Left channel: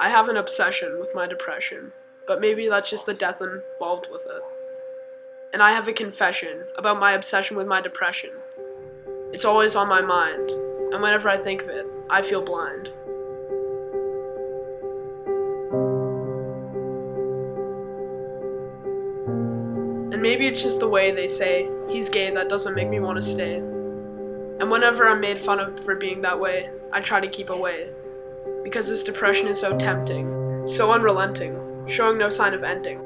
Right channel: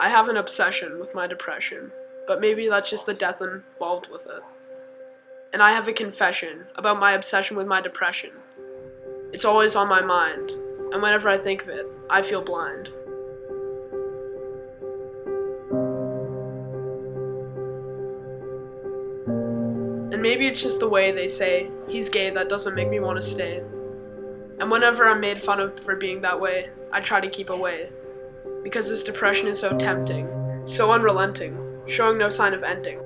I have an obsession with my depression, but maybe that's just the death involved with it. And I have a confession about my obsession with my depression. It's always on my mind, and whenever I think of it, I feel blind. And maybe it's just the way they say, he's gay, that doesn't make me want to stay. And whenever I'm made fun of for being that way, I try to keep away. Because this depression is so tempting, so unrelenting, showing no sign of ending.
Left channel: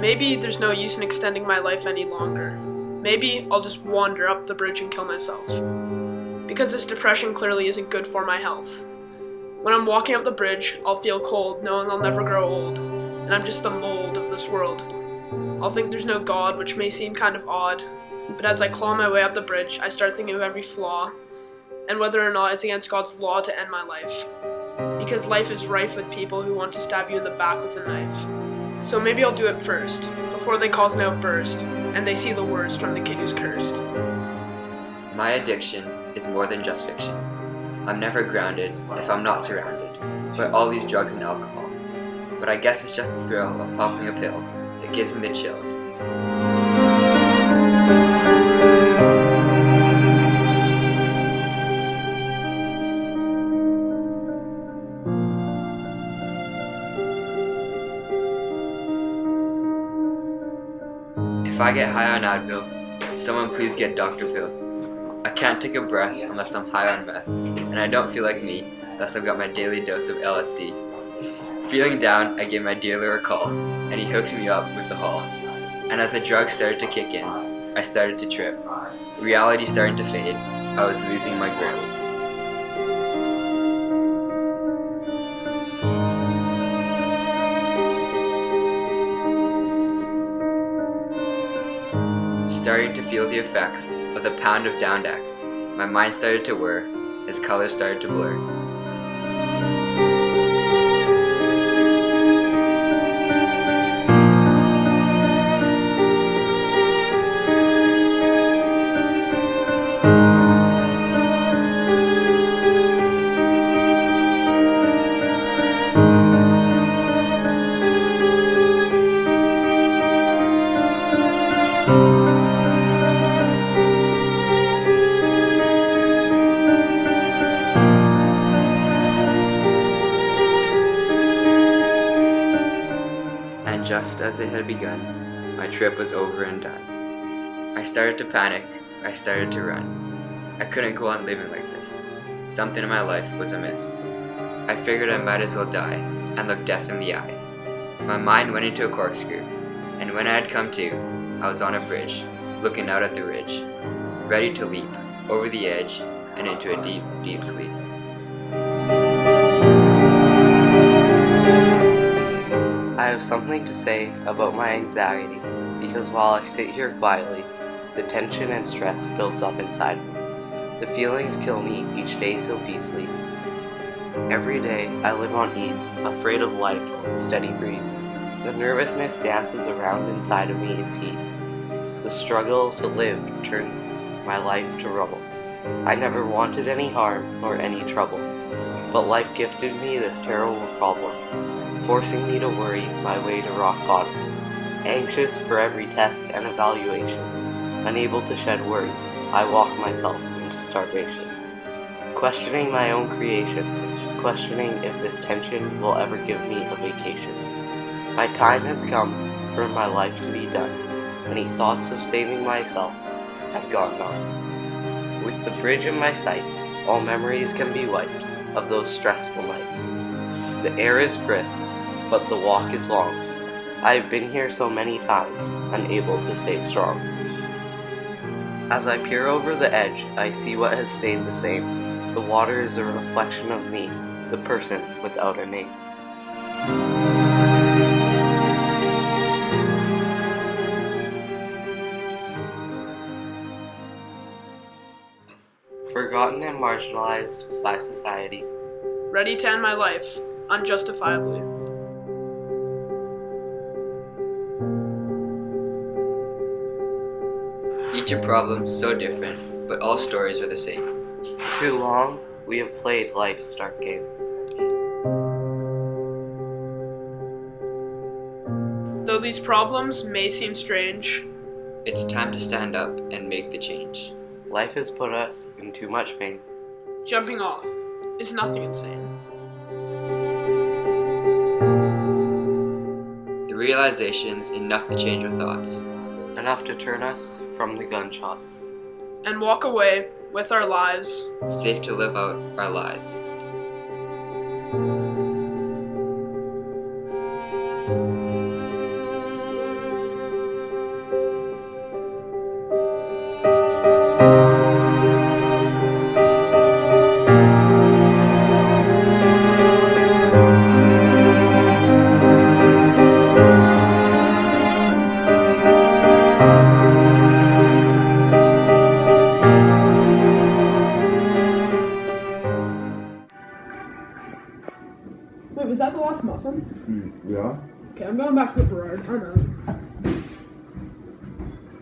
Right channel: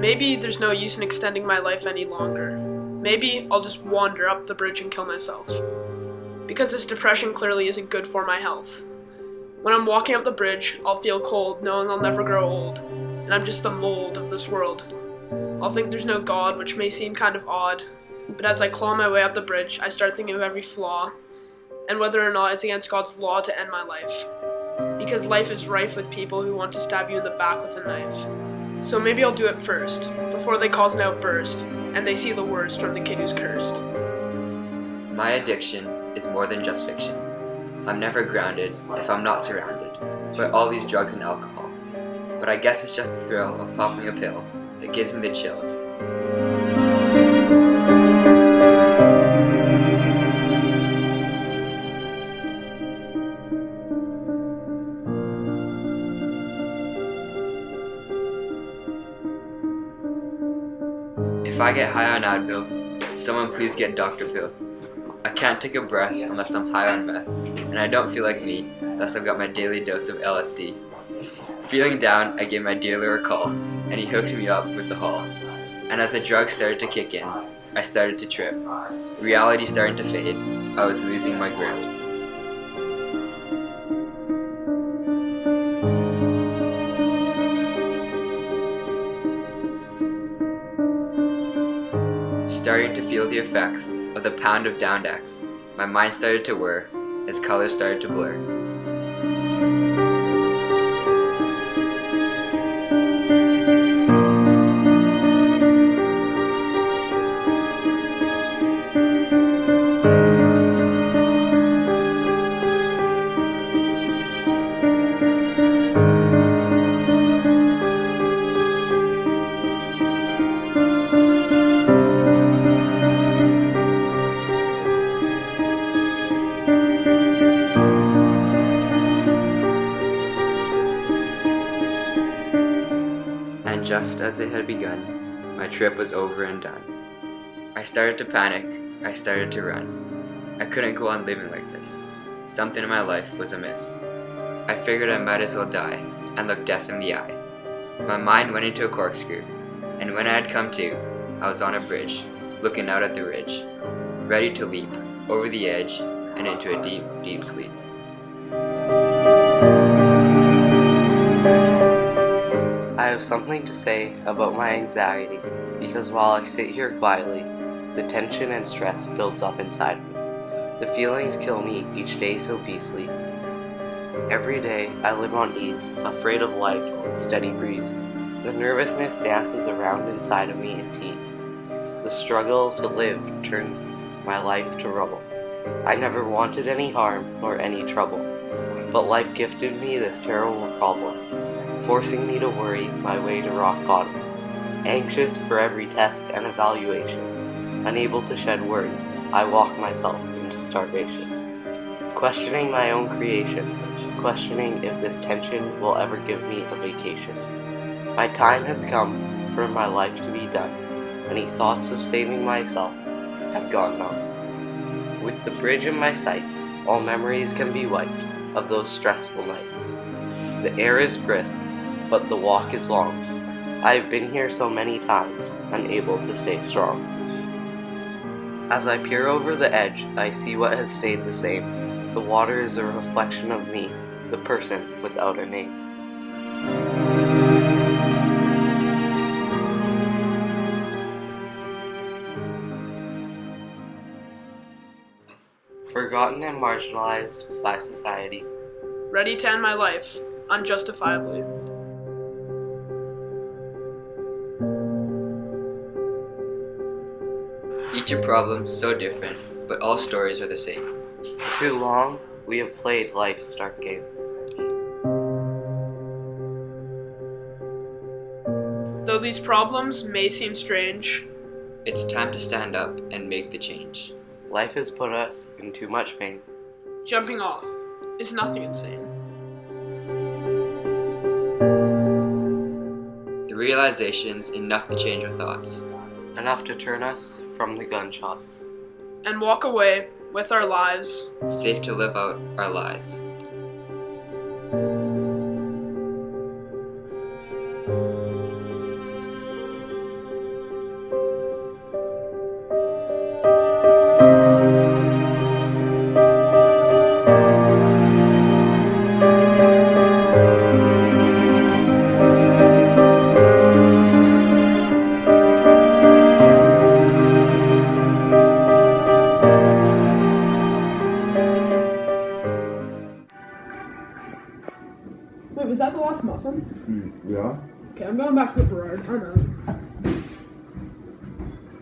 Maybe there's no use in extending my life any longer. Maybe I'll just wander up the bridge and kill myself. Because this depression clearly isn't good for my health. When I'm walking up the bridge, I'll feel cold, knowing I'll never grow old, and I'm just the mold of this world. I'll think there's no God, which may seem kind of odd, but as I claw my way up the bridge, I start thinking of every flaw, and whether or not it's against God's law to end my life. Because life is rife with people who want to stab you in the back with a knife. So maybe I'll do it first, before they cause an outburst, and they see the worst from the kid who's cursed. My addiction is more than just fiction. I'm never grounded if I'm not surrounded by all these drugs and alcohol. But I guess it's just the thrill of popping a pill that gives me the chills. If I get high on Advil, someone please get Dr. Phil. I can't take a breath unless I'm high on meth, and I don't feel like me unless I've got my daily dose of LSD. Feeling down, I gave my dealer a call, and he hooked me up with the haul. And as the drugs started to kick in, I started to trip. Reality starting to fade, I was losing my grip. Starting to feel the effects of the pound of Downdex, my mind started to whir as colors started to blur. And just as it had begun, my trip was over and done. I started to panic, I started to run. I couldn't go on living like this. Something in my life was amiss. I figured I might as well die and look death in the eye. My mind went into a corkscrew, and when I had come to, I was on a bridge, looking out at the ridge, ready to leap over the edge and into a deep, deep sleep. I have something to say about my anxiety, because while I sit here quietly, the tension and stress builds up inside me. The feelings kill me each day so beastly. Every day I live on ease, afraid of life's steady breeze. The nervousness dances around inside of me in tease. The struggle to live turns my life to rubble. I never wanted any harm nor any trouble, but life gifted me this terrible problem, forcing me to worry my way to rock bottom. Anxious for every test and evaluation, unable to shed worry, I walk myself into starvation. Questioning my own creation, questioning if this tension will ever give me a vacation. My time has come for my life to be done. Any thoughts of saving myself have gone numb. With the bridge in my sights, all memories can be wiped of those stressful nights. The air is brisk, but the walk is long. I have been here so many times, unable to stay strong. As I peer over the edge, I see what has stayed the same. The water is a reflection of me, the person without a name. Forgotten and marginalized by society. Ready to end my life, unjustifiably. Each a problem so different, but all stories are the same. For too long, we have played life's dark game. Though these problems may seem strange, It's time to stand up and make the change. Life has put us in too much pain. jumping off is nothing insane. The realization's enough to change our thoughts. Enough to turn us from the gunshots. And walk away with our lives. Safe to live out our lies. Wait, was that the last muffin? Ja. Okay, I'm going back to the Berard. I'm out.